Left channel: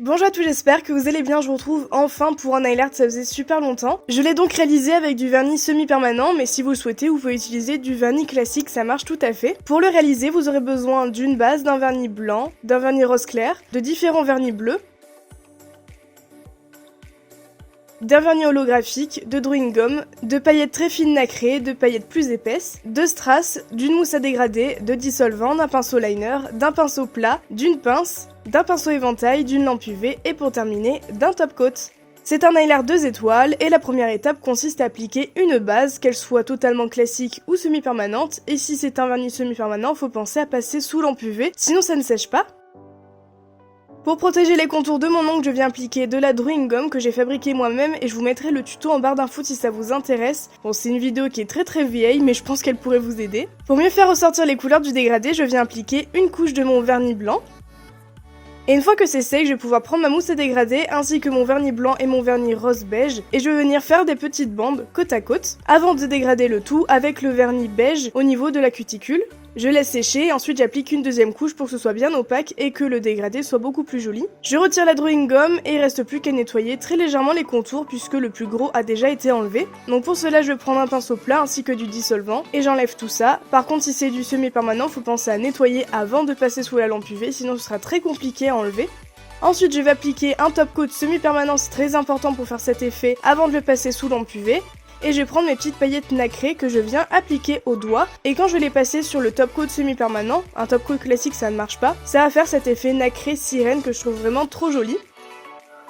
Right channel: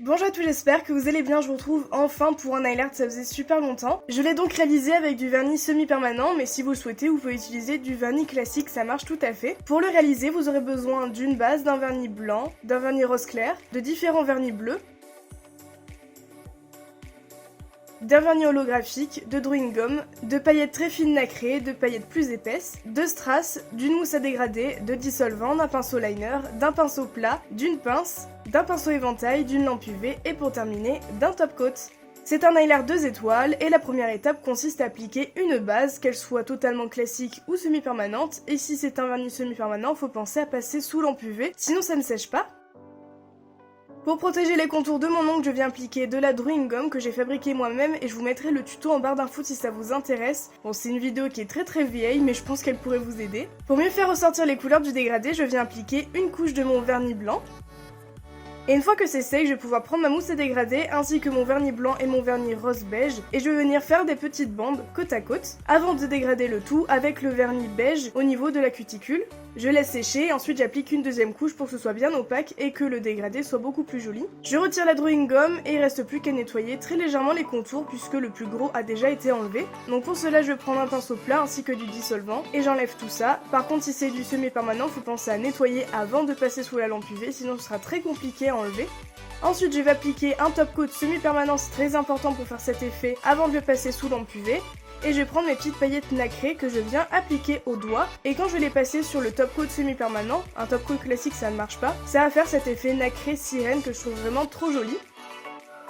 Bonjour à tous, j'espère que vous allez bien, je vous retrouve enfin pour un nail art, ça faisait super longtemps. Je l'ai donc réalisé avec du vernis semi-permanent, mais si vous le souhaitez, vous pouvez utiliser du vernis classique, ça marche tout à fait. Pour le réaliser, vous aurez besoin d'une base, d'un vernis blanc, d'un vernis rose clair, de différents vernis bleus, d'un vernis holographique, de drawing gum, de paillettes très fines nacrées, de paillettes plus épaisses, de strass, d'une mousse à dégrader, de dissolvant, d'un pinceau liner, d'un pinceau plat, d'une pince, d'un pinceau éventail, d'une lampe UV et pour terminer, d'un top coat. C'est un nail art 2 étoiles et la première étape consiste à appliquer une base, qu'elle soit totalement classique ou semi-permanente, et si c'est un vernis semi-permanent, faut penser à passer sous lampe UV, sinon ça ne sèche pas. Pour protéger les contours de mon ongle, je viens appliquer de la drawing gum que j'ai fabriquée moi-même et je vous mettrai le tuto en barre d'infos si ça vous intéresse. Bon, c'est une vidéo qui est très vieille, mais je pense qu'elle pourrait vous aider. Pour mieux faire ressortir les couleurs du dégradé, je viens appliquer une couche de mon vernis blanc. Et une fois que c'est sec, je vais pouvoir prendre ma mousse à dégrader ainsi que mon vernis blanc et mon vernis rose beige et je vais venir faire des petites bandes côte à côte avant de dégrader le tout avec le vernis beige au niveau de la cuticule. Je laisse sécher et ensuite j'applique une deuxième couche pour que ce soit bien opaque et que le dégradé soit beaucoup plus joli. Je retire la drawing gum et il reste plus qu'à nettoyer très légèrement les contours puisque le plus gros a déjà été enlevé. Donc pour cela je vais prendre un pinceau plat ainsi que du dissolvant et j'enlève tout ça. Par contre si c'est du semi-permanent, faut penser à nettoyer avant de passer sous la lampe UV sinon ce sera très compliqué à enlever. Ensuite je vais appliquer un top coat semi-permanent, c'est très important pour faire cet effet avant de le passer sous lampe UV. Et je vais prendre mes petites paillettes nacrées que je viens appliquer au doigt. Et quand je vais les passer sur le top coat semi-permanent, un top coat classique ça ne marche pas, ça va faire cet effet nacré sirène que je trouve vraiment trop joli.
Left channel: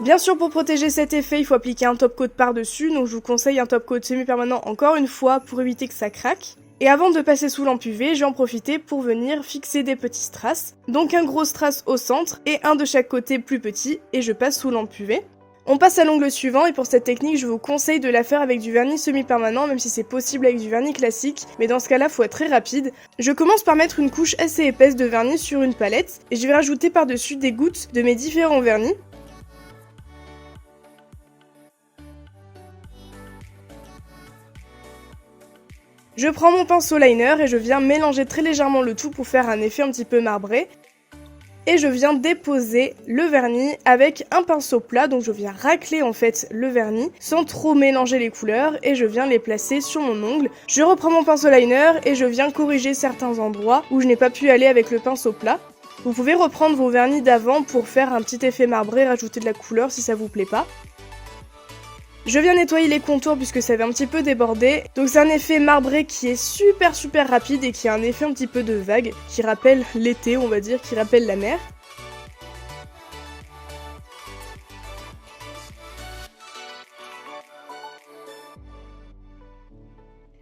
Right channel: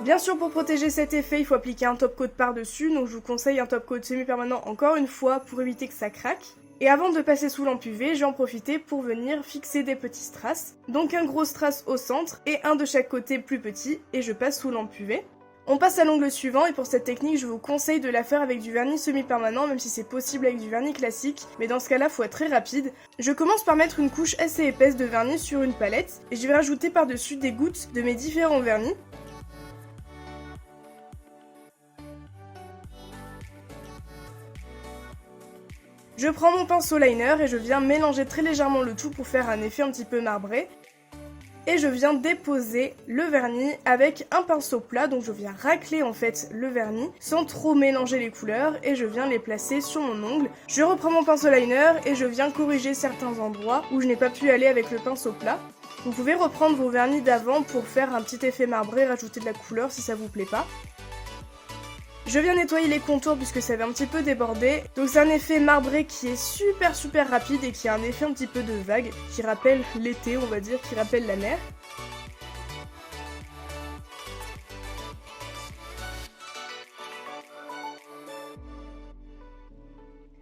Bien sûr pour protéger cet effet il faut appliquer un top coat par dessus, donc je vous conseille un top coat semi-permanent encore une fois pour éviter que ça craque. Et avant de passer sous lampe UV, je vais en profiter pour venir fixer des petits strass. Donc un gros strass au centre et un de chaque côté plus petit et je passe sous lampe UV. On passe à l'ongle suivant et pour cette technique je vous conseille de la faire avec du vernis semi-permanent même si c'est possible avec du vernis classique, mais dans ce cas là faut être très rapide. Je commence par mettre une couche assez épaisse de vernis sur une palette et je vais rajouter par dessus des gouttes de mes différents vernis. Je prends mon pinceau liner et je viens mélanger très légèrement le tout pour faire un effet un petit peu marbré. Et je viens déposer le vernis avec un pinceau plat, donc je viens racler en fait le vernis sans trop mélanger les couleurs et je viens les placer sur mon ongle. Je reprends mon pinceau liner et je viens corriger certains endroits où je n'ai pas pu aller avec le pinceau plat. Vous pouvez reprendre vos vernis d'avant pour faire un petit effet marbré, rajouter de la couleur si ça vous plaît pas. Je viens nettoyer les contours puisque ça avait un petit peu débordé, donc c'est un effet marbré qui est super rapide et qui a un effet un petit peu de vague, qui rappelle l'été on va dire, qui rappelle la mer.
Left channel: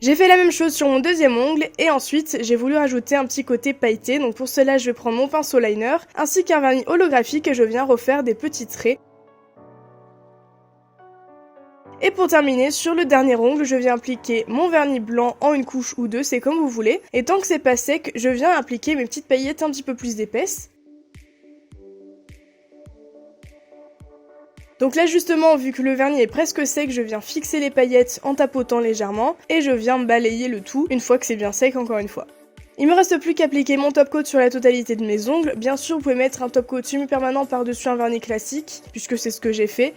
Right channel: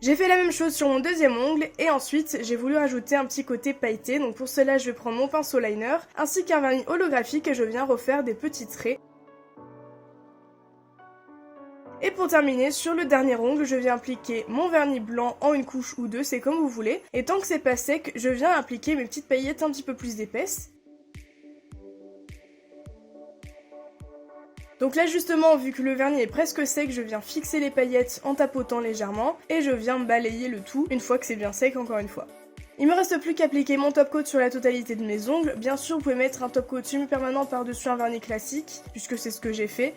J'ai fait la même chose sur mon deuxième ongle et ensuite j'ai voulu rajouter un petit côté pailleté, donc pour cela je vais prendre mon pinceau liner ainsi qu'un vernis holographique et je viens refaire des petits traits. Et pour terminer, sur le dernier ongle, je viens appliquer mon vernis blanc en une couche ou deux, c'est comme vous voulez. Et tant que c'est pas sec, je viens appliquer mes petites paillettes un petit peu plus épaisses. Donc là justement, vu que le vernis est presque sec, je viens fixer les paillettes en tapotant légèrement. Et je viens balayer le tout, une fois que c'est bien sec encore une fois. Il me reste plus qu'à appliquer mon top coat sur la totalité de mes ongles. Bien sûr, vous pouvez mettre un top coat semi-permanent par-dessus un vernis classique, puisque c'est ce que j'ai fait.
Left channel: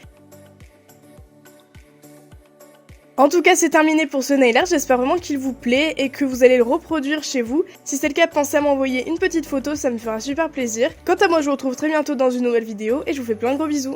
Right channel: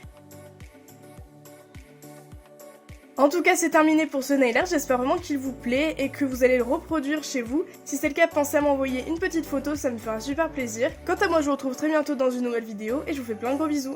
En tout cas c'est terminé pour ce nail art, j'espère vraiment qu'il vous plaît et que vous allez le reproduire chez vous. Si c'est le cas, pensez à m'envoyer une petite photo, ça me fera super plaisir. Quant à moi je vous retrouve très bientôt dans une nouvelle vidéo et je vous fais plein de gros bisous.